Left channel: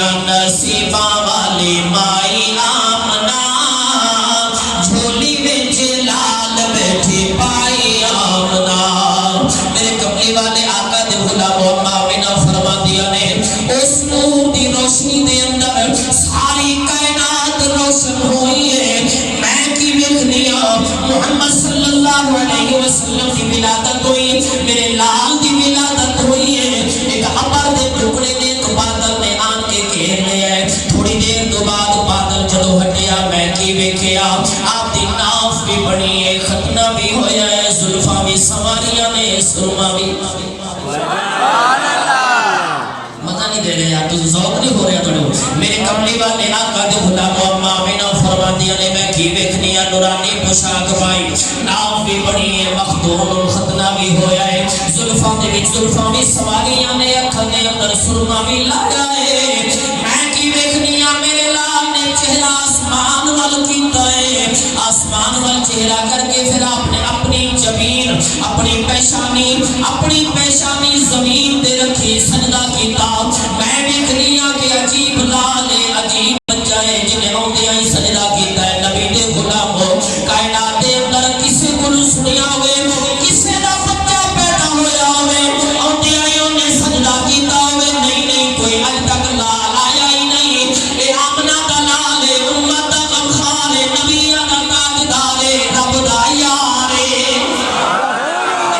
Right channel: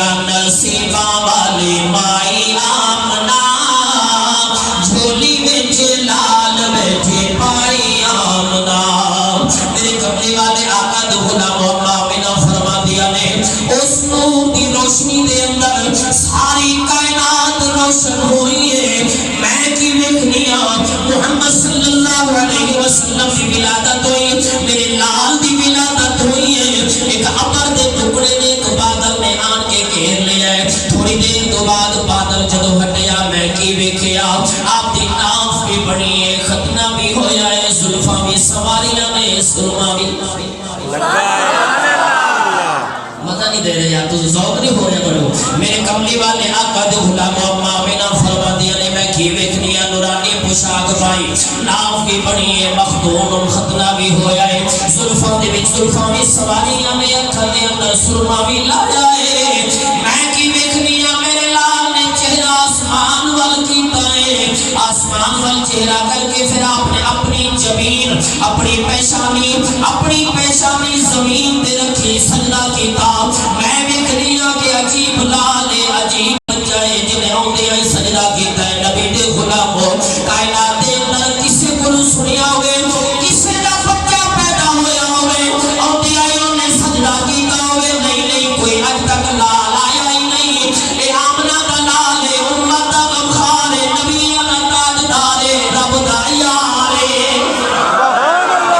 خوشیاں نصیباں والی مائی آمنہ جھولی وچ لال بیٹھی پائی آمنہ میرے کملی والے آقا دے غلام اما آمنہ فرما دیا نے اس نور دی روشنی دے اندر ساری کائنات روشن ہوئی ہے میں کی ویکھنیاں محمد صلی اللہ علیہ وسلم دی ولادت ہوئی میرے لال دی ولادت ہوئی ہے ایک ابر دے ٹکڑے دے ایک بادل نے آن کے گھیر لیا ہے تھوڑی دیر تو بعد بادل جدو ہٹیا میں کی ویکھیا آپ دی ناف بھی بڑی ہے ختنہ بھی ہویا ہے زلفاں بھی سواریاں نے سرما بھی مزہ نہیں دے رہے یار تو ذوق نہیں ہو رہا توڑو میرے کملی والے آقا دے غلام اما آمنہ فرما دیا نے میں کی ویکھنیاں نورانی پوشاک پائی ناف بھی بڑی ہے مخدوم ختنہ بھی ہویا ہے زلفاں دے وچ زلفاں بھی سواریاں نے اکھاں دے اندر سرما بھی لایا ہے میں کی ویکھنیاں میرے لال نے چہرہ آسمان وال کیتا ہے آسمان وال چہرہ کر کے پھر آپ نے اپنی جبین اپنی پیشانی زمین دے رکھی سجدہ کیتا میں ویکھنیاں کہ عجیب لال ہے عجیب بچہ ہے جنہیں ہوندے آئی سجدہ کیتا ہے نبی دے غلام کائنات دے اندر کسے کو سنیا ہوئے کسے دا بچہ پیدا ہویا ہوئے ہوندے آئی انہیں سجدہ کیتا ہوئے نہیں کوئی اج تک لال آیا ہی نہیں اے آمنہ دا لال ہے امت دا غمخار ہے نبی دا تاجدار ہے رب دا یار ہے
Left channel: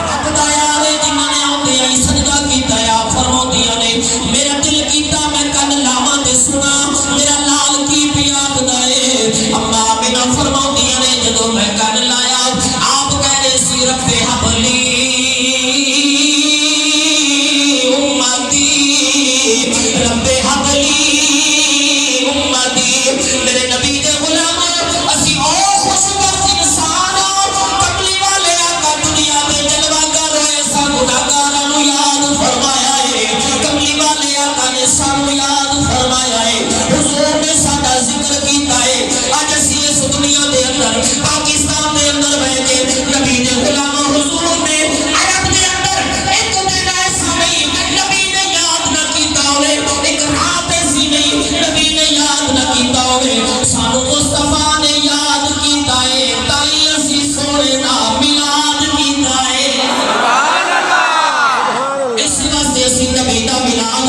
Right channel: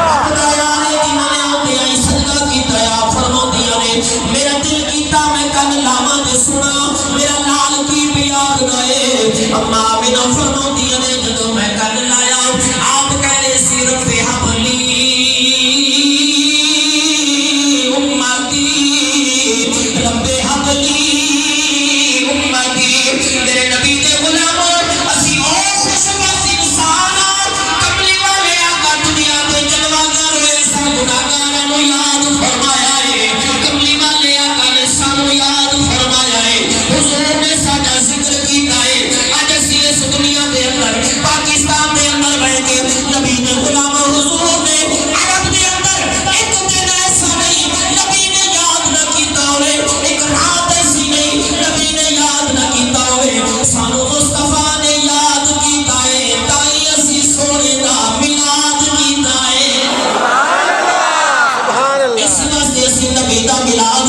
رب دا یار ہے جنہوں نے ہوندے آئی سجدہ کیتا ہے آپ فرمو دیا نے میرا دل کیتا میں کن لاما دے سنا میرا لال کی بیاغ دائے اما آمنہ فرمو دیا نے جدو میں کن لایا آپ کہنے سی رب حبلی امتی رب حبلی امتی میرے نبی دے غلاموں اسی او خوشبخت انسان کملی والے آقا دنیا دے جلوہ گر ہوئے سب گناہگاروں یاد فرمایا ہے کملی والے آقا نے سانو یاد فرمایا ہے حضور نے ساڈا ذکر کیتا ہے آج اسی اس دنیا دے اندر پاکستان دے اندر بیٹھ کے نبی نے غلام حضور نے عرب دے اندر ایک دن ایسا نہیں نبی نے یاد نہ کیتا ہوئے ایک رات ایسی نہیں نبی نے یاد نہ کیتا ہوئے سانو مصطفیٰ نے یاد کیتا ہے تائیں اسی سونے دا میلاد کیتا ہے اس واسطے اسی نبی دا میلاد